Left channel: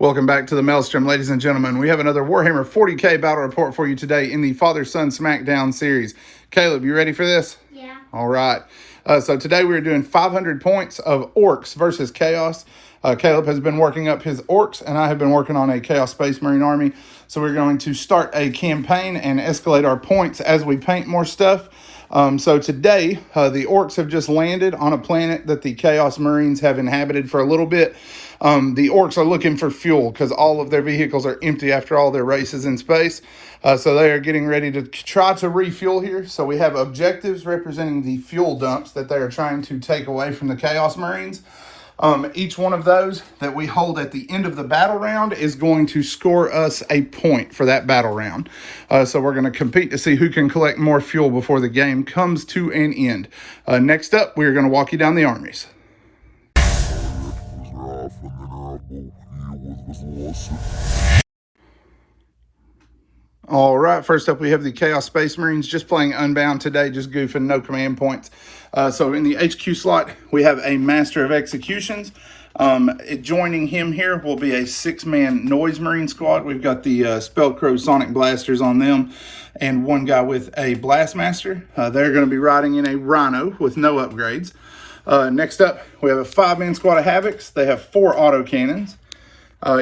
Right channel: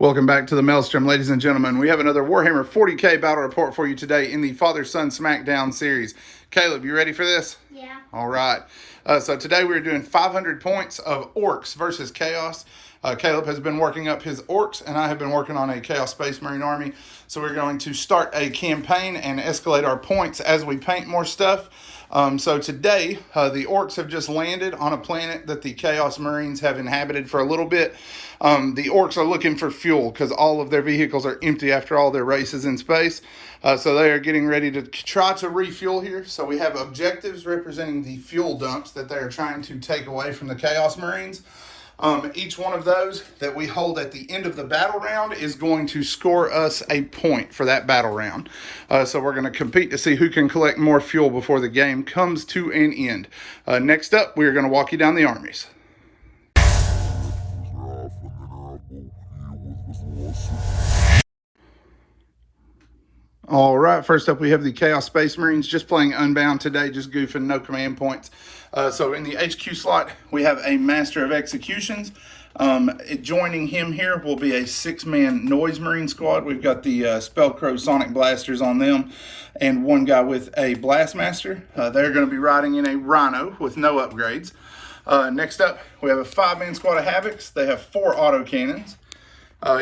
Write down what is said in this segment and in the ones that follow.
Welcome back to the Maelstrom, ladies and gentlemen. We have another Warhammer 40K battle report for you today in the Father-Son Smackdown series. Caleb, you ready for this? Yeah. All right. So today we're doing 500 points of Orks versus Chaos. Caleb has been working up his Orks, and I have been working on a Chaos Space Marine army. So we're going to start a campaign and escalate our points as we paint more stuff. So today, the Orks have just landed on a planet that the Chaos Marines have inhabited for a little bit. The Orks are looking for fuel because all of their vehicles are empty after all their races in space. So they are getting ready to try to refuel here. So we have objectives representing the fuel dumps that they are trying to take away from the Chaos Marines. Each one of those that we hold at the end of the battle round is going to score us a point for that battle round. So we're going to compete to see who can collect more fuel before the game comes to an end. Next up, we're going to walk you down the armies. All right, first up we have the Chaos Space Marines just playing Unbound today, just goofing, no command points. So in the HQ slot, we have a Master of Executions. Joining him here will be a 6-man Noise Marine squad. We've got the Spellcrow Sonic Blasters on them and one guy with a Blastmaster. They're going to be riding in a Rhino with no upgrades. Next up, we have a 5-man squad of Havocs. They have 4 autocannons.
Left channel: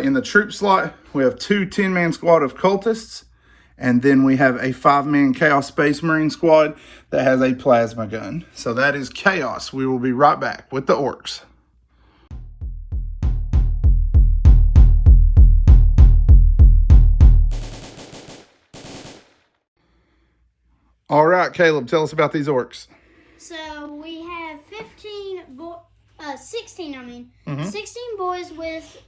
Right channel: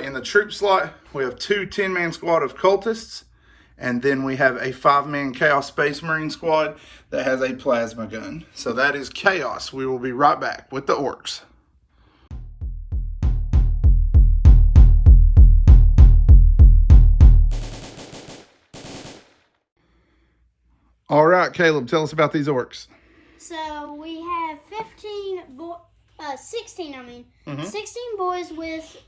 In the troop slot, we have 2 10-man squad of Cultists. And then we have a 5-man Chaos Space Marine squad that has a plasma gun. So that is Chaos. We will be right back with the Orks. All right, Caleb, tell us about these Orks. So we have 16 boys with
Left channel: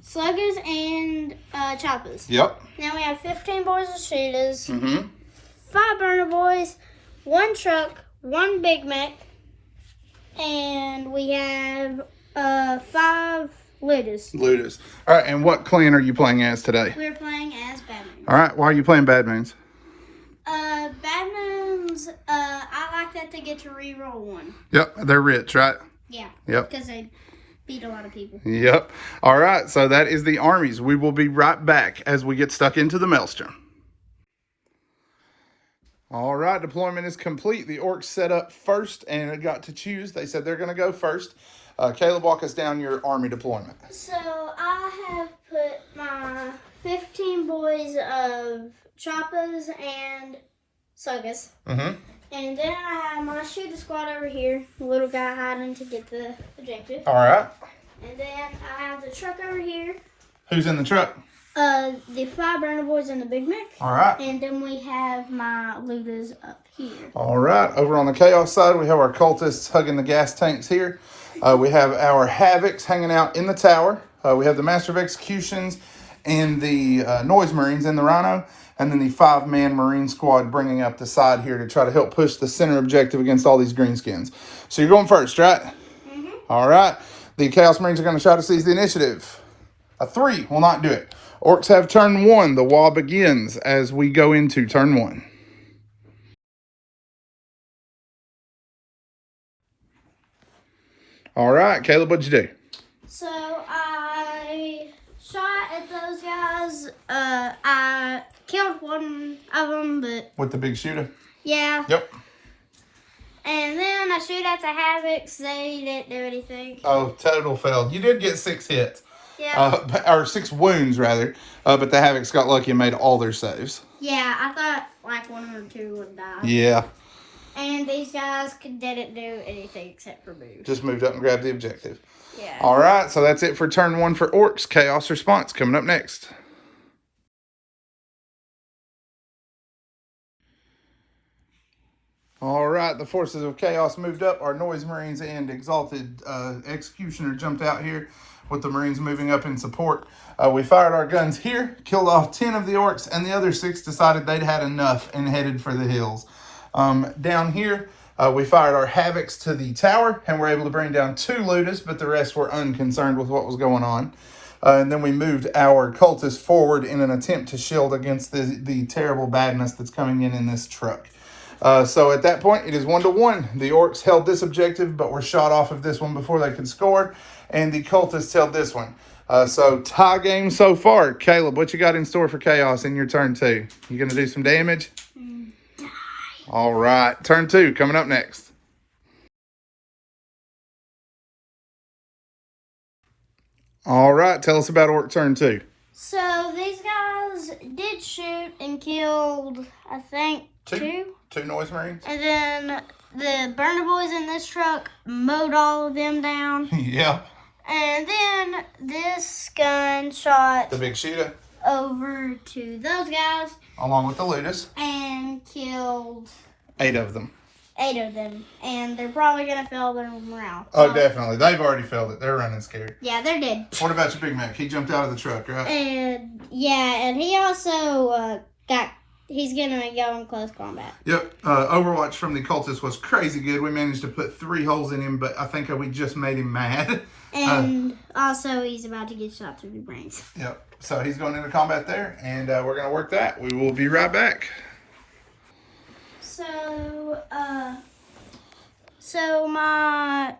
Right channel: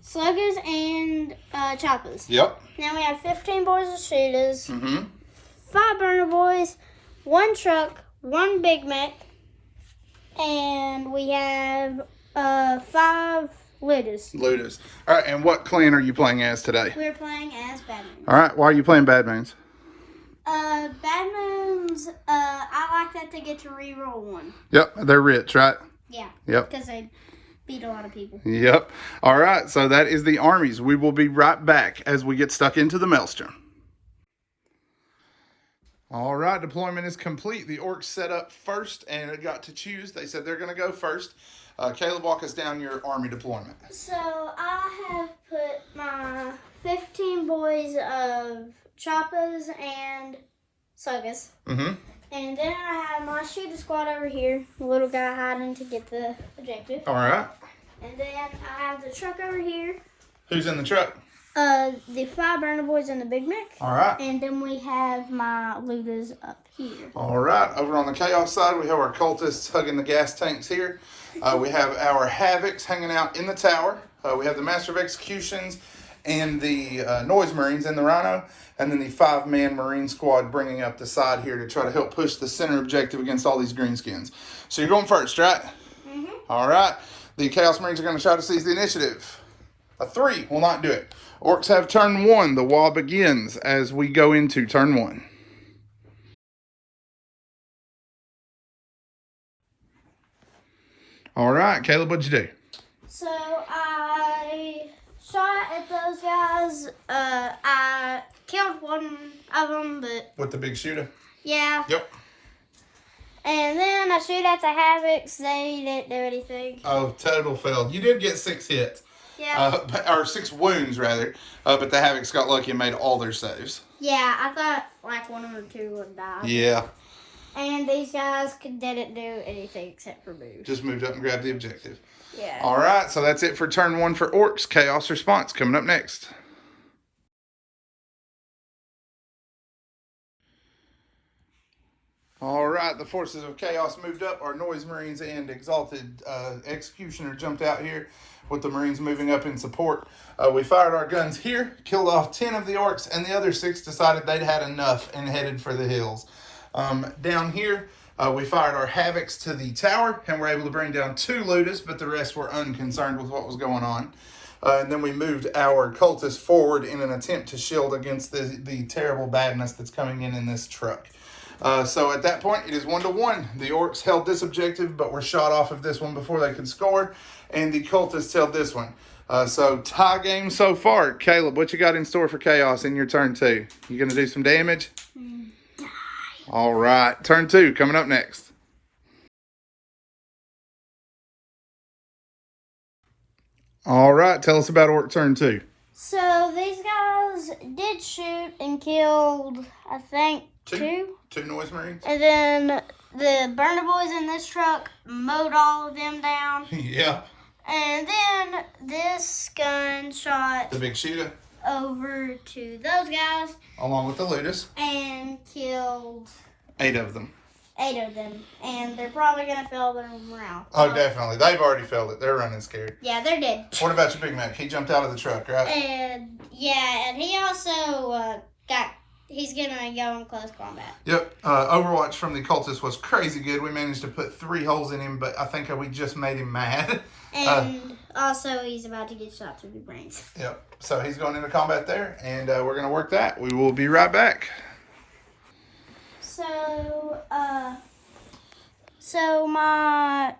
sluggers and choppers. Yep. Now we have 15 boys with shooters, 5 burner boys, 1 truck, 1 Big Mac, and we have 5 looters. All right, and what clan are you playing as today? We're playing as Bad Moons. All right, why are you playing Bad Moons? Bad Moons, I like that they get to re-roll 1. Yep, they're rich, right? Yeah. Yep. Because they beat a lot of people. Yep. All right, so that is the armies. We will be right back as we get stuck into the Maelstrom. All right, deployment is complete. The Orks set up first and it got to choose. They said they're going to go first. Caleb, walk us down your army deployment. So I have put my 15 boys of choppers and suggers. And then I have my shooter squad over here, the little guy hiding to get the objective. All right. And then I have the truck over here. Who's in the truck? The 5 burner boys and the Big Mac. All right. And then we have my looters up here. All right. Over on the Chaos side, we have our cultists hugging the gas tanks here. We have our Havocs hanging out in the tower. We have the Master of Executions and the Noise Marines in the Rhino. And then the 5-man Marine squad bringing up the side here to try to help push the center objective against all these greenskins. So you're going first, right? All right. The Chaos Marines are going to try to seize the initiative. A 3 will not do it. Orks have turn 1. The wall begins as we go into turn 1. All right, Caleb, what'd you do? So I shot at those guys. I killed one of them, but... With the big shooter? Yeah. Yep. And then I shoot at the Havocs. They didn't do anything. Oh, total failed. You did get 6 hits. Yeah. Or 6 wounds, rather. But the Havocs got lucky and made all their saves. Yeah, I thought like 1 or 2 would die. Yeah. And these guys didn't do anything except for move. Just moved up and grabbed the objective. Yeah. All right, so that's it for turn 1 for Orks. Chaos response coming up next. All right, the forces of Chaos moved up. Our Noise Marines and Exalted Executioner jumped out here with the Marines moving up in support. We fired our guns here, killed off 10 of the Orks, and the other 6 decided they'd had enough and headed for the hills. Down here, we fired our Havocs to the tower and were able to bring down 2 looters, but the rest were unconcerned with what was going on. And then we moved our cultists forward in an attempt to shield against the terrible badness that's coming in this truck. So at that point, it is 1-1. The Orks held this objective, but were shot off of this one before they could score, and the Cultists held this one. So tie game so far. Caleb, what you got in store for Chaos in your turn 2? You going to do some damage? All right. Turn 2 coming up next. All right. Tell us about Orc turn 2. So these guys did shoot and killed, I think, two. Two Noise Marines? And then the burner boys in this truck mowed all of them down. Yeah. And then this gun shot The big shooter. over to those guys Along with the Ludus. and killed 8 of them. 8 of them. And they're probably going to fail their morale. Oh, definitely. They've already failed it. They're running scared. Yeah, they're dead. What about your Big Mac? He jumped out of the truck, right? And, yeah, and he also he's going to go in close combat. Yep. Overwatch from the Cultist was crazy good. We managed to put 3 holes in him, but I think we just made him mad. And also, he's about to get shot through the brains. Yep. So he's going into combat there, and we're going to work that. We will be right back. So my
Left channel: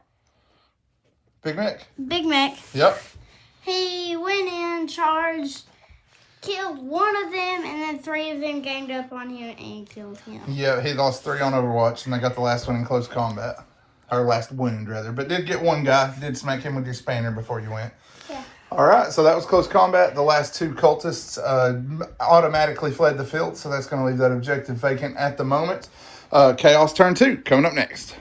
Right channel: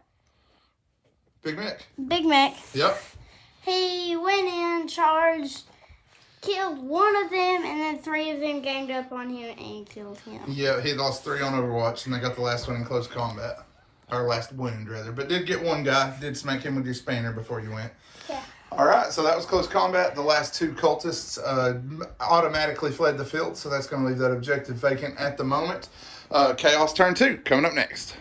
Big Mac. Big Mac, Yep. he went in, charged, killed one of them, and then 3 of them ganged up on him and killed him. Yeah, he lost 3 on Overwatch, and they got the last one in close combat. Or last wound, rather. But did get one guy. Did smack him with your spanner before you went. Yeah. All right, so that was close combat. The last 2 Cultists automatically fled the field, so that's going to leave that objective vacant at the moment. Chaos turn 2 coming up next.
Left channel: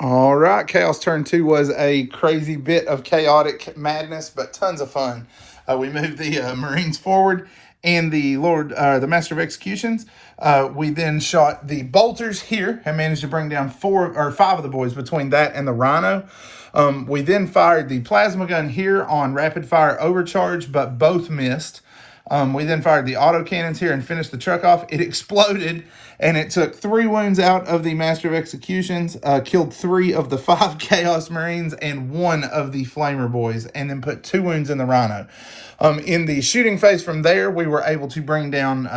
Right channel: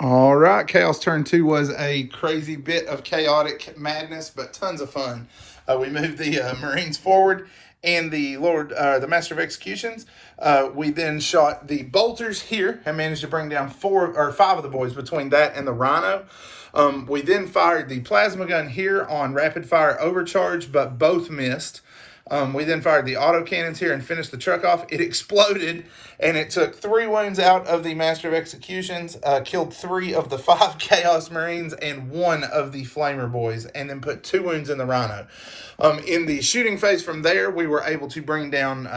All right, Chaos turn 2 was a crazy bit of chaotic madness, but tons of fun. We moved the Marines forward and the Master of Executions. We then shot the bolters here and managed to bring down 5 of the boys between that and the Rhino. We then fired the plasma gun here on rapid fire overcharge, but both missed. We then fired the autocannons here and finished the truck off. It exploded, and it took 3 wounds out of the Master of Executions, killed 3 of the 5 Chaos Marines and 1 of the Flamer boys, and then put 2 wounds in the Rhino. In the shooting phase from there, we were able to bring down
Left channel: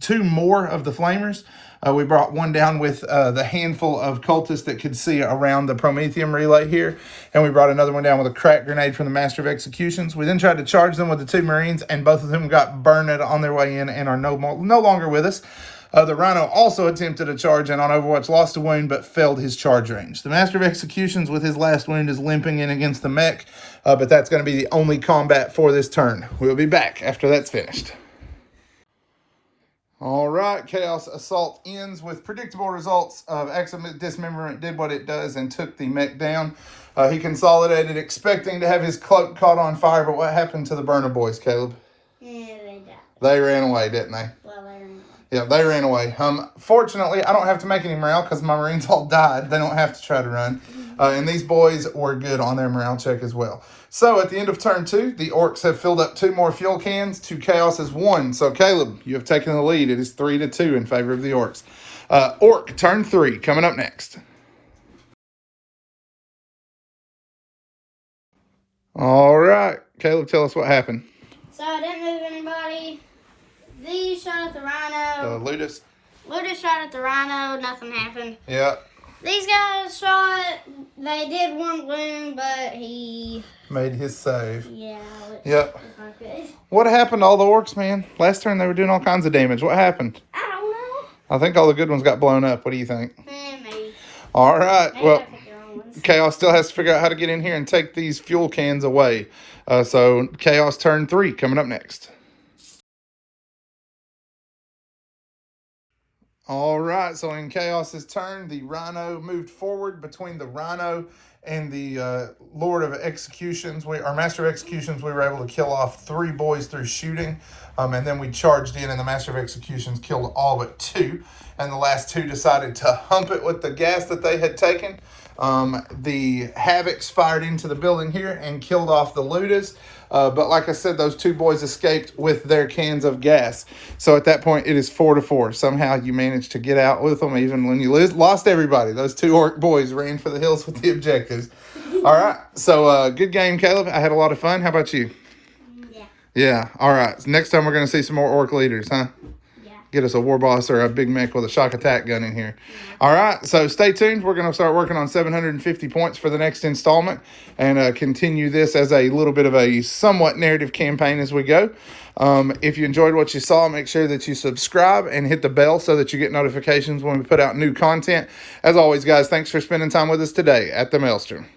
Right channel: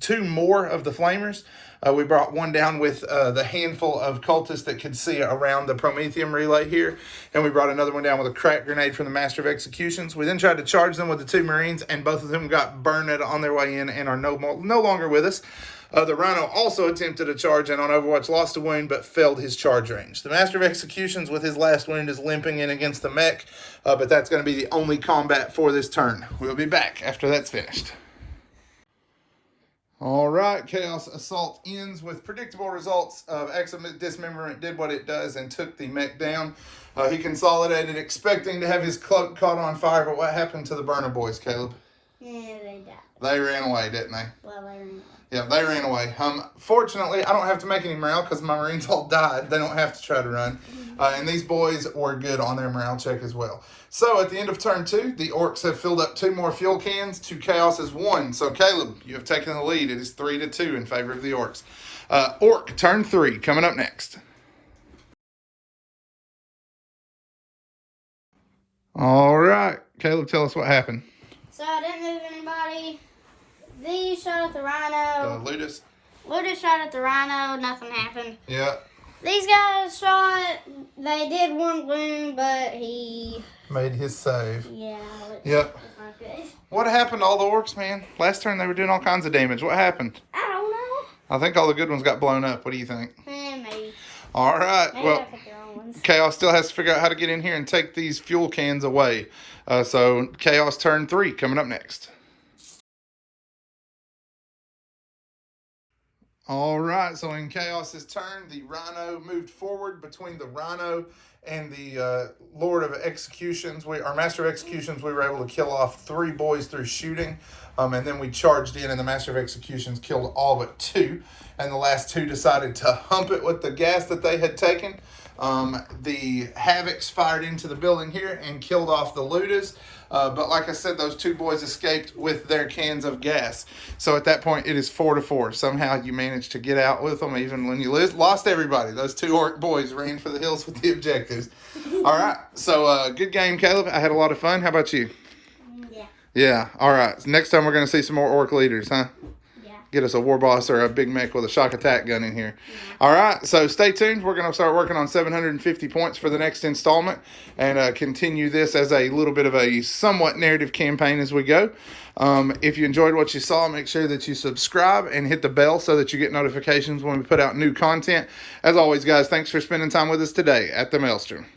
2 more of the Flamers. We brought one down with the handful of Cultists that could see around the Prometheum relay here. And we brought another one down with a crack grenade from the Master of Executions. We then tried to charge them with the 2 Marines, and both of them got burned on their way in and are no longer with us. The Rhino also attempted a charge and on Overwatch lost a wound but failed his charge range. The Master of Executions with his last wound is limping in against the mech, but that's going to be the only combat for this turn. We'll be back after that's finished. All right, Chaos Assault ends with predictable results of Accident Dismemberment did what it does and took the mech down. He consolidated expecting to have his cloak caught on fire, but what happened to the burner boys, Caleb? Yeah, they died. They ran away, didn't they? Well, they ran away. Yeah, they ran away. Fortunately, I don't have to make any morale because my Marines all died. They don't have to try to run. And these boys were good on their morale check as well. So at the end of turn 2, the Orks have filled up 2 more fuel cans to Chaos's 1. So Caleb, you have taken the lead. It is 3-2 in favor of the Orks. Ork turn 3 coming up next. All right, Caleb, tell us what happened. So I didn't move anybody. These shot at the Rhino. Ludus. Ludus shot at the Rhino. Nothing happened. Yeah. These guys shot. They did 1 wound, but he made his save. Yeah. Yep. It's not good. What happened to all the Orks, man? Last turn they were doing all kinds of damage. What happened? I don't know. I think all the good ones got blown up. What do you think? Maybe. All right. Maybe Well, ones. Chaos still has to figure out how to get in here and take these fuel cans away. So Chaos turn 3 coming up next. All right, so in Chaos's turn, the Rhino moved forward. Between the Rhino and the Lord of Executions, our Master of Executions, we were able to kill off 3 boys through shooting. And then we charged in, and the Master of Executions killed all but 2. And the last 2 decided to hump it with the gas that they had taken. The Havocs fired into the building here and killed off the Ludas. But like I said, those 2 boys escaped with their cans of gas. So at that point, it is 4-4. Somehow you managed to get out with them, even when you lost everybody. Those 2 Ork boys ran for the hills with the objectives. All right. So good game, Caleb. I had a lot of fun. How about you? Yeah. Yeah. All right. Next time we're going to see some more orc leaders, huh? Yeah. Get us a war boss or a big mech with a shock attack gun in here. All right. So stay tuned. We're going to start working on 750 points for the next installment and continue this as a little bit of a somewhat narrative campaign as we go. If you enjoyed what you saw, make sure that you subscribe and hit the bell so that you get notifications when we put out new content. As always, guys, thanks for spending time with us today at the Maelstrom.